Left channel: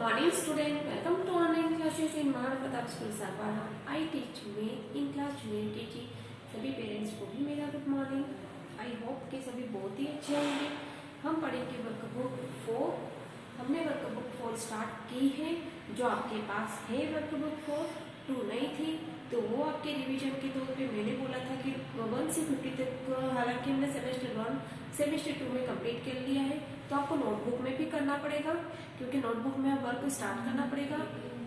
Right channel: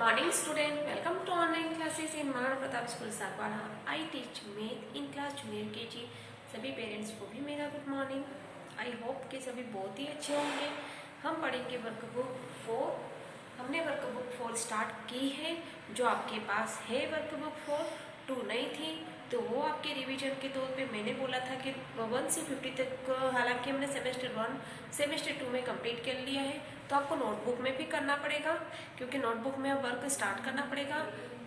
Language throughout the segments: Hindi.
Morning student, welcome to online classes in Maharana Pratap school Sarpada. I teach math in class junior KG. सभी पेरेंट्स को भी मेरा गुड मॉर्निंग। आई होप कि सभी बहुत ही अच्छे होंगे। हम पढ़ेंगे वर्कबुक 4। हमने वर्कबुक 4 स्टार्ट की है। जो आपके पास है वर्कबुक 4 2 नहीं थी तो वो आपके रिवीजन के तौर पे मैंने बोला था कि 1 से 50 तक, हालांकि हमने सेमेस्टर 1 सेमेस्टर 2 में कंप्लीट कर लिया है, तो आपको नोटबुक में भी करना पड़ेगा, क्योंकि नोटबुक में वर्क स्टार्ट करना पड़ेगा,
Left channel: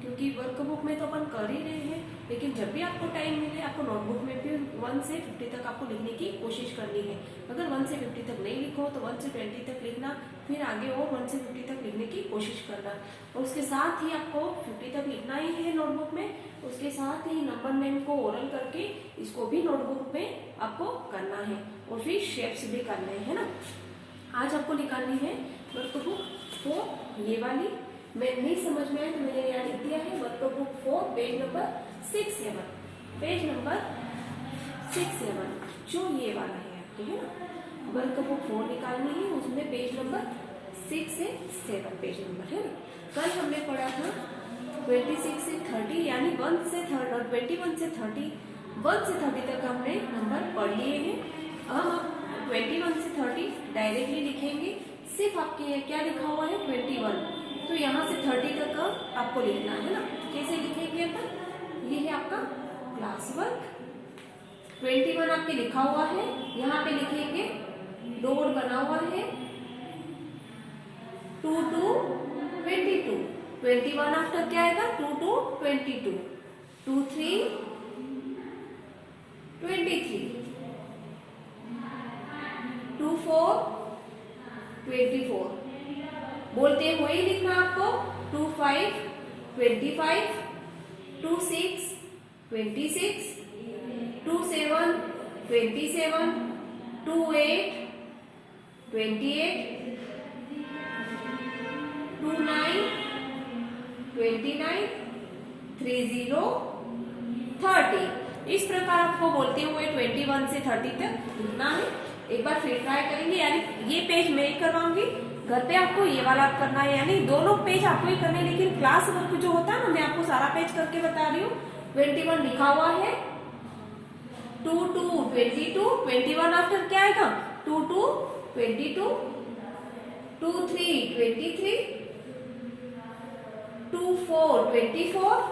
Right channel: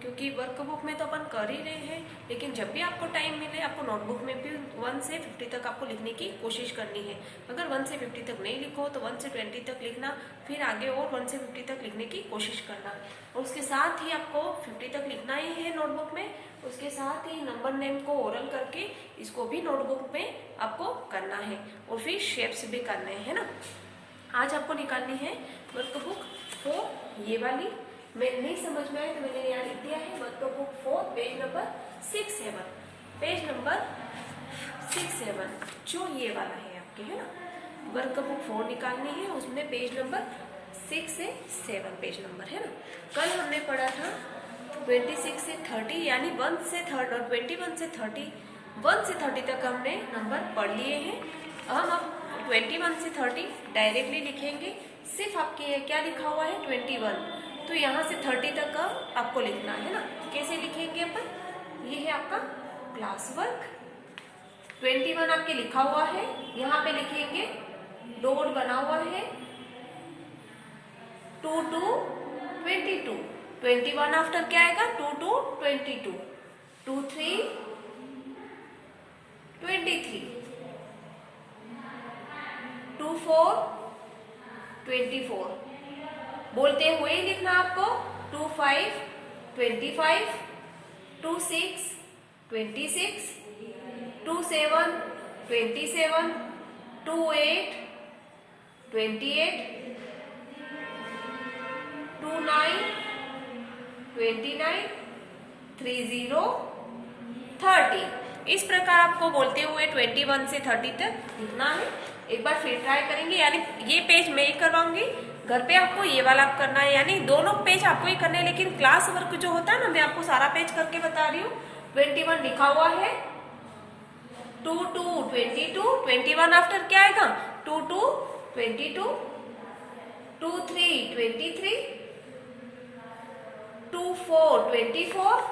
क्योंकि वर्कबुक में तो अपन कर ही रहे हैं, लेकिन जब भी आपको टाइम मिले आपको नोटबुक में भी 1 से 50 तक आपको लिखने की कोशिश करनी है। अगर 1 से 50 तक नहीं लिखो तो 1 से 20 तक लिखना, फिर आगे और 1 से 50 तक लिखने की कोशिश करना। और उसके साथ ही आपको 50 तक लिखना ही है नोटबुक में। उसके साथ ही नंबर नेम को ओरल करके इसको भी नोटबुक में आपको करना है, और फिर शेप्स भी करने हैं ना। आज आपको निकालनी है वर्कबुक 4, ये वाली। मैं नहीं समझ में आए तो मैंने यहाँ लिख दिया है workbook 4 page number 6-7, page number 6-7 जो ये वाला है आपके, है ना। वर्कबुक 4 निकालनी है, उसमें पेज नंबर 6 से 7 पेज नंबर, है ना। कल हमने पढ़ा था 26 से 30, यानी 1 से 30 और 21 से 30, 1 से 30 तक हमने नंबर पढ़ लिए हैं। हम अब 21 से 30 डायरेक्टली लिखेंगे। सिर्फ आपके क्या लिखा हुआ है 21, तो यहाँ से 30 तक का आपको लिखना है ना। कैसे लिखेंगे अपन, ये है आपका क्लास वर्क। 21 आपके लिखा हुआ है, यहाँ पे लिखेंगे डॉट बना हुआ है 2 to 22। 21 आफ्टर क्या आएगा 2 to 22, 2 3 23, 2 4 24। बोलते हुए ही लिखना आपको 2 5 25, 2 6 26, 2 7 27, 2 8 28, 2 9 29, 30 30। इस प्रकार आपको बोलते हुए 21 से 30 तक लिखना है। एक बार फिर ट्राई करेंगे, यानी ये पेज मैं ही करवाऊंगी, घर पे आपको ये वाला करना है, यानी दोनों पेज आपको ही करने हैं। लेकिन क्लास वर्क जो होता है ना, मैं आपको सारा पेज करके बता रही हूँ। 21 लिखा हुआ है, 2 to 22, 21 आफ्टर क्या आएगा 2 to 22, 2 3 23, 2 4 24,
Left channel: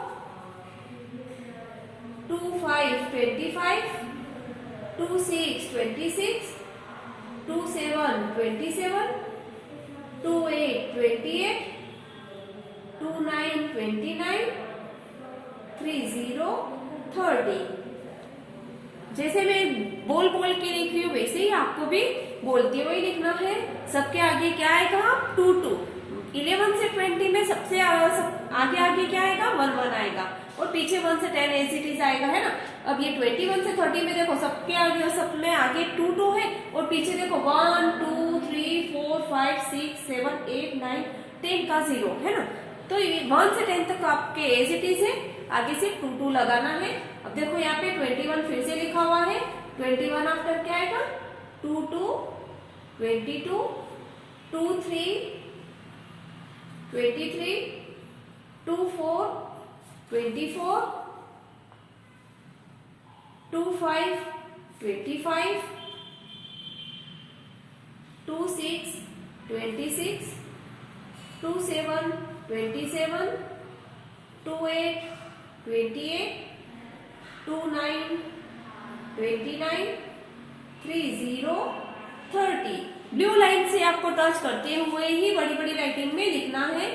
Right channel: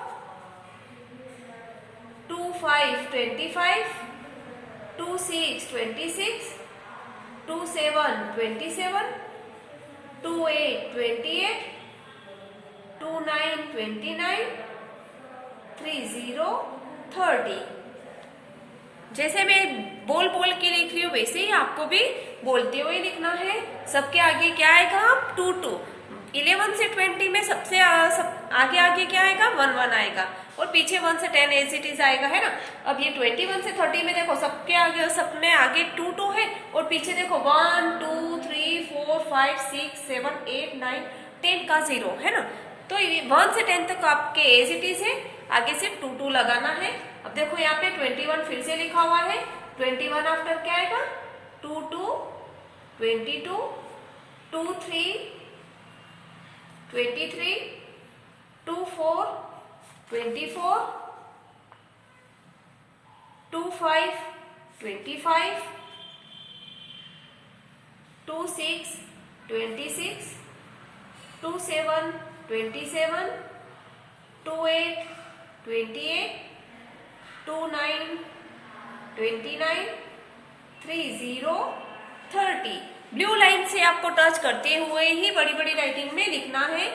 2 5 25, 2 6 26, 2 7 27, 2 8 28, 2 9 29, 30 30। जैसे मैं बोल बोल के लिख रही हूँ वैसे ही आपको भी बोलते हुए लिखना है। सबके आगे क्या आएगा 2 2। 11 से 20 में सबसे आगे आगे क्या आएगा 1 1 आएगा, और पीछे 1 से 10 एज इट इज आएगा, है ना। अब ये 21 से 30 में देखो सबके आगे, सब में आगे 2 2 है, और पीछे देखो 1 2 3 4 5 6 7 8 9 10 का 0 है ना। तो 1 से 10 तक आपके एज इट इज है, आगे सिर्फ 2 2 लगाना है। अब देखो यहाँ पे 21 फिर से लिखा हुआ है, 21 आफ्टर क्या आएगा 2 2 22, 2 3 23, 2 4 24, 2 5 25, 2 6 26, 2 7 27, 2 8 28, 2 9 29, 30 30। ब्लू लाइन से आपको टच करते हुए ही बड़ी बड़ी राइटिंग में लिखना है।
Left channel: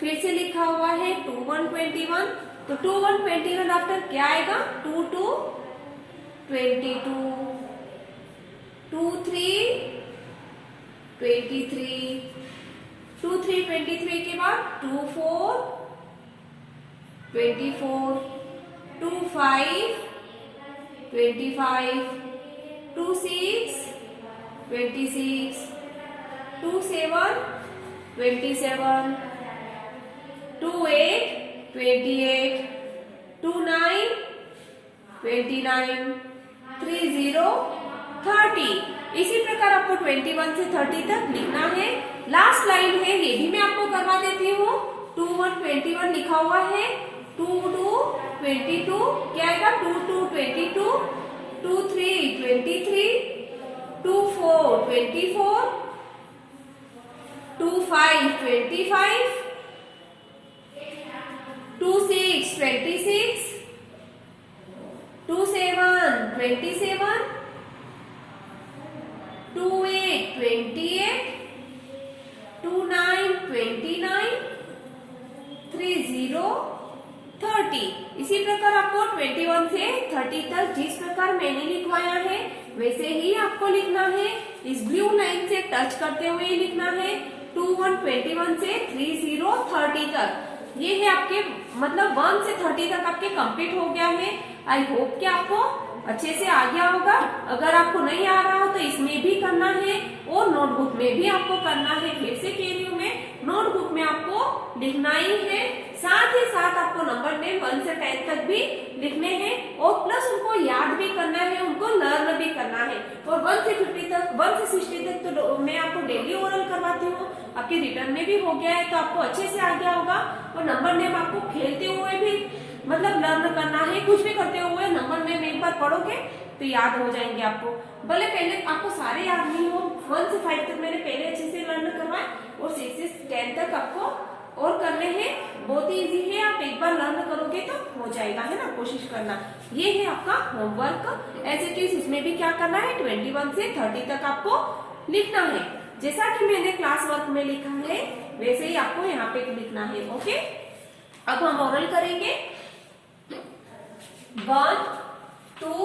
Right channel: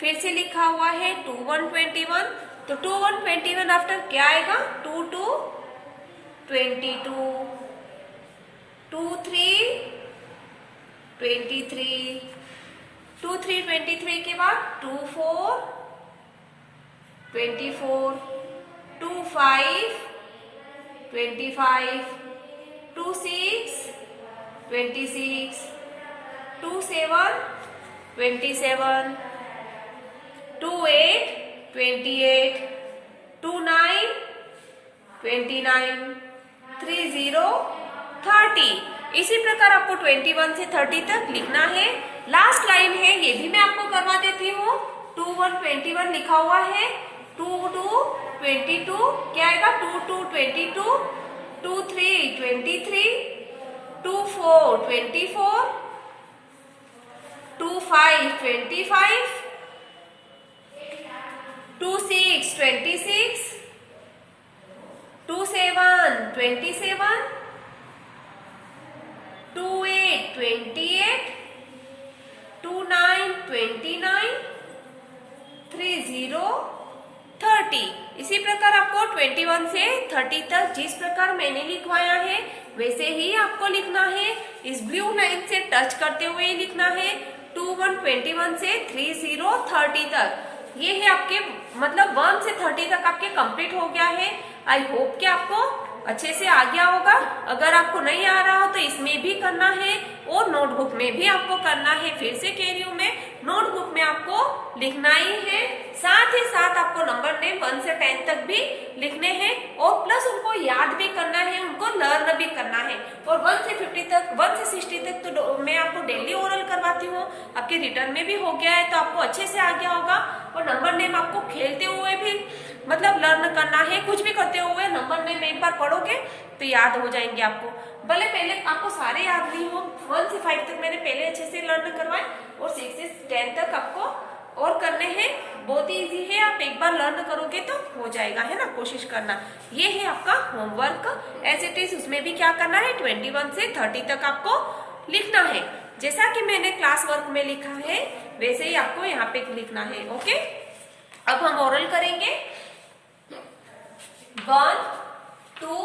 फिर से लिखा हुआ है 2 1 21, तो 2 1 21 आफ्टर क्या आएगा 2 2 22, 2 3 23, 2 3 23 के बाद 2 4 24, 2 5 25, 2 6 26, 2 7 27, 2 8 28, 2 9 29, 30 30। इसी प्रकार आपको 21 से 30 तक लिखना है। लास्ट लाइन है, ये भी मैं आपको करवा देती हूँ। 2 1 21 लिखा हुआ है, 2 2 22 क्या आएगा, 2 2 22, 2 3 23, 2 4 24, 2 5 25, 2 6 26, 2 7 27, 2 8 28, 2 9 29, 3 0 30। इसी प्रकार आपको 21 से 30 तक जिस प्रकार मैंने लिखवाया है वैसे ही आपको लिखना है। इस ब्लू लाइन से टच करते हुए लिखना है। 2 1 21 से 3 0 30 तक ये है आपके, मतलब 1 से 30 तक आपके कंप्लीट हो गया है। आई होप कि आपको अच्छे से आ गया होगा। अगर आपको नहीं आ रहा हो तो इसमें भी करना है और नोटबुक में भी आपको करना है। फिर से कह रही हूँ मैं, नोटबुक में आपको लिखना ही है, साथ ही साथ आपको नंबर नेम 1 से 10 तक भी लिखने हैं और प्लस उनको याद भी करना है, उनको लर्न भी करना है। और 1 से 50 तक, 1 से 60 तक तो मैं आपको डेली ओरल करवाती हूँ, आपके रिटर्न में भी हो गया है तो आपको अच्छे से आ गया होगा। और नंबर नेम आपको खेलते हुए भी मतलब लर्न करना है, कुछ भी करते हुए नंबर नेम एक बार पढ़ोगे तो याद हो जाएंगे आपको। भले पहले आपको सारे याद नहीं हो, 1 से 5 तक मैंने पहले अच्छे से लर्न करवाए और 6 से 10 तक आपको और करने हैं। बहुत ही इजी है, आप एक बार लर्न करोगे तो हो जाएगा, है ना। कोशिश करना। ये है आपका होमवर्क। एज इट इज उसमें भी क्या करना है, 21 से 30 तक आपको लिखना है। जैसा कि मैंने क्लास वर्क में लिखा है वैसे ही आपको यहाँ पे लिखना है। ओके, अब हम ओरल करेंगे। 1 2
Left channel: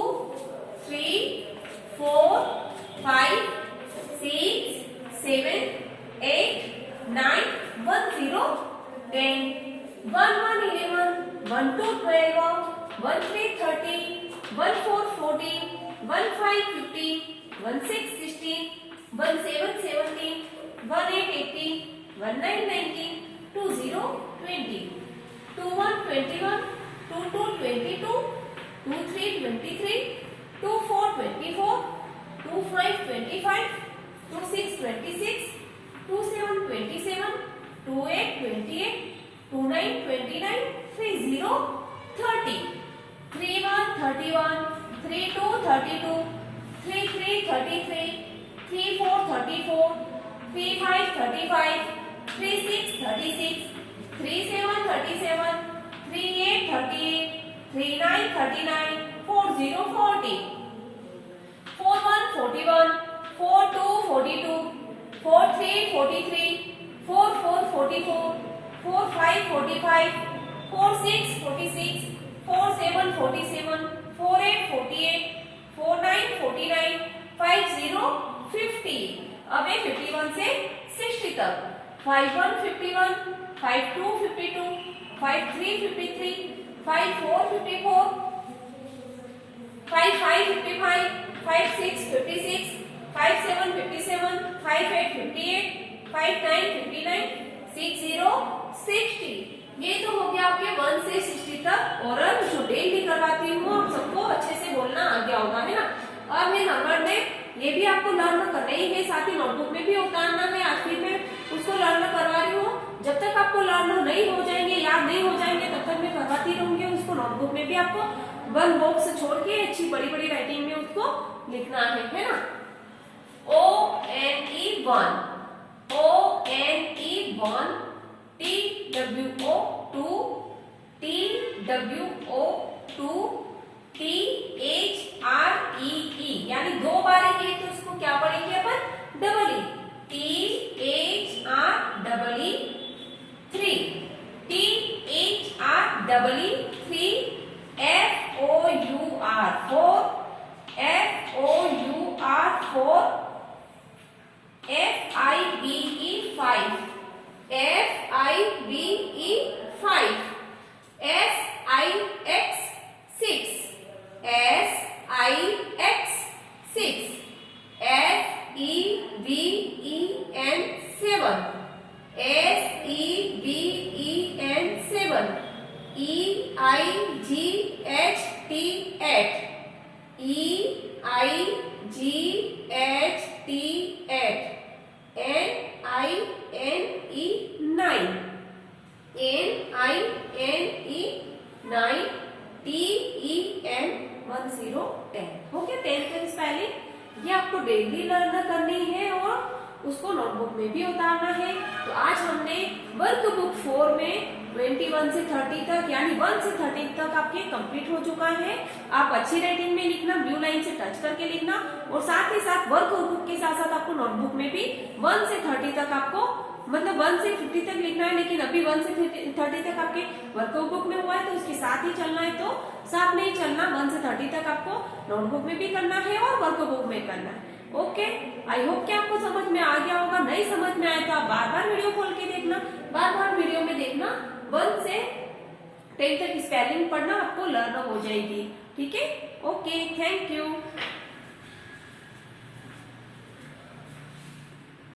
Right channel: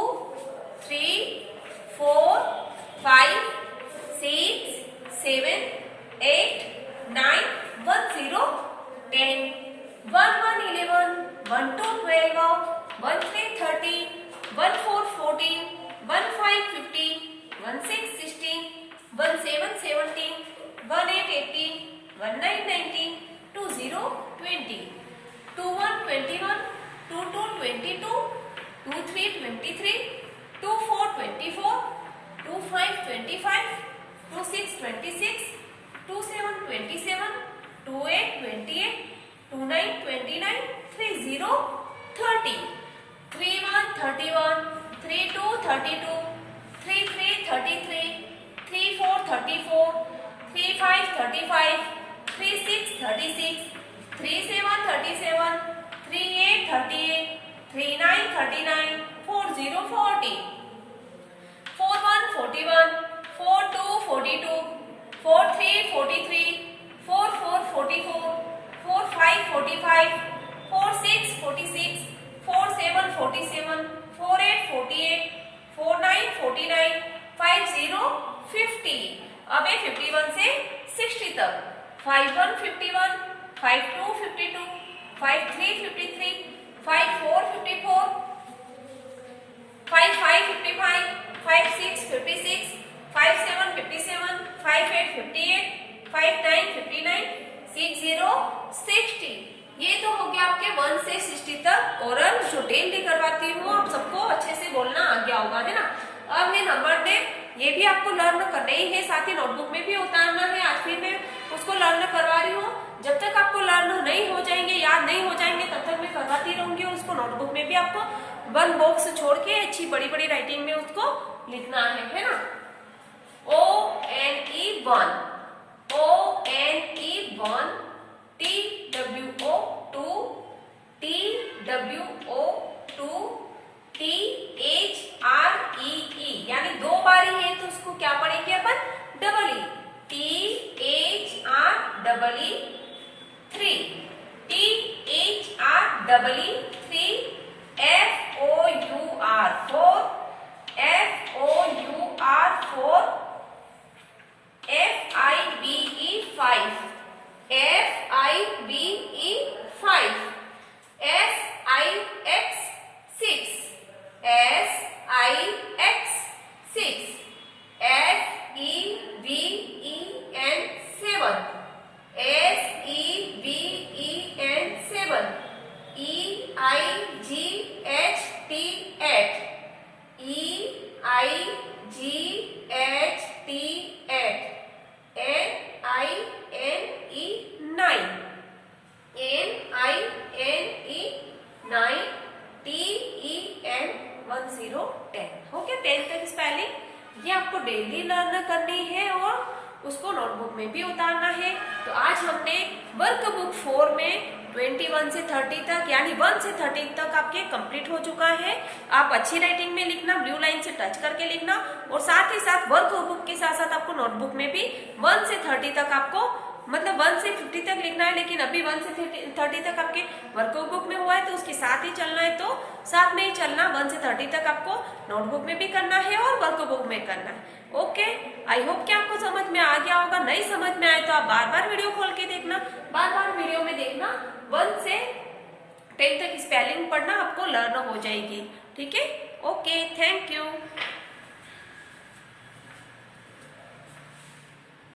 3 4 5 6 7 8 9 1 0 10 1 1 11 1 2 12 1 3 13 1 4 14 1 5 15 1 6 16 1 7 17 1 8 18 1 9 19 2 0 20 2 1 21 2 2 22 2 3 23 2 4 24 2 5 25 2 6 26 2 7 27 2 8 28 2 9 29 3 0 30 3 1 31 3 2 32 3 3 33 3 4 34 3 5 35 3 6 36 3 7 37 3 8 38 3 9 39 4 0 40 4 1 41 4 2 42 4 3 43 4 4 44 4 5 45 4 6 46 4 7 47 4 8 48 4 9 49 5 0 50। अब है 51 से 60 तक। 5 1 51 5 2 52 5 3 53 5 4 54 5 5 55 5 6 56 5 7 57 5 8 58 5 9 59 6 0 60। ये तो हो गया आपके 1 से 60 तक। और जो डेली करवाती हूँ आप सबको अच्छे से बोलना आ गया होगा, है ना। अब ये नंबर नेम, ये भी आपको लर्न करना ही है, साथ ही नोटबुक में भी उतारना है। आज फिर मैं उसको लर्न करवा रही हूँ। जब तक आपको लर्न नहीं हो जाएंगे, याद नहीं हो जाएंगे, तब तक मैं करवाती रहूंगी। उसको नोटबुक में भी आपको 1 बॉक्स छोड़ के अच्छी बड़ी बड़ी राइटिंग में उसको लिखना है ना। ONE 1, ONE 1, TWO 2, TWO 2, THREE, यानी 2 बार है तो उसको क्या पढ़ेंगे अपन, double E. THREE 3, THREE 3, FOUR 4, FOUR 4, FIBE 5, FIBE 5, SIX 6, SIX 6, SEVEN 7, SEVEN 7, EIGHT 8, EIGHT 8, NINE 9, में भी उतारना है। तो आज हमने वर्कबुक 4 में 21 से 30 तक यानी 1 से 30 तक आपके कंप्लीट हो चुका है। आप अच्छी राइटिंग में लिखना, ब्लू लाइन से टच करके लिखना, और साथ ही साथ वर्कबुक के साथ साथ आपको नोटबुक में भी 1 से 30 तक आपको मतलब 1 से 50 तक लिखना है, लेकिन अभी 1 से 30 तक आपके वर्कबुक में हुआ है तो उसके साथ ही चलना है, तो साथ में ही चलना। 1 से 30 तक आपको नोटबुक में भी करना है और वर्कबुक में करना है। ओके, आई होप कि आपको समझ में आ गया होगा। नहीं समझ में आए तो आप बार बार वीडियो खोल के देखना, बार बार वीडियो में देखना। 1 से 10 तक स्पेलिंग पढ़ना आपको लर्न हो जाएगी। ठीक है, ओके, थैंक यू।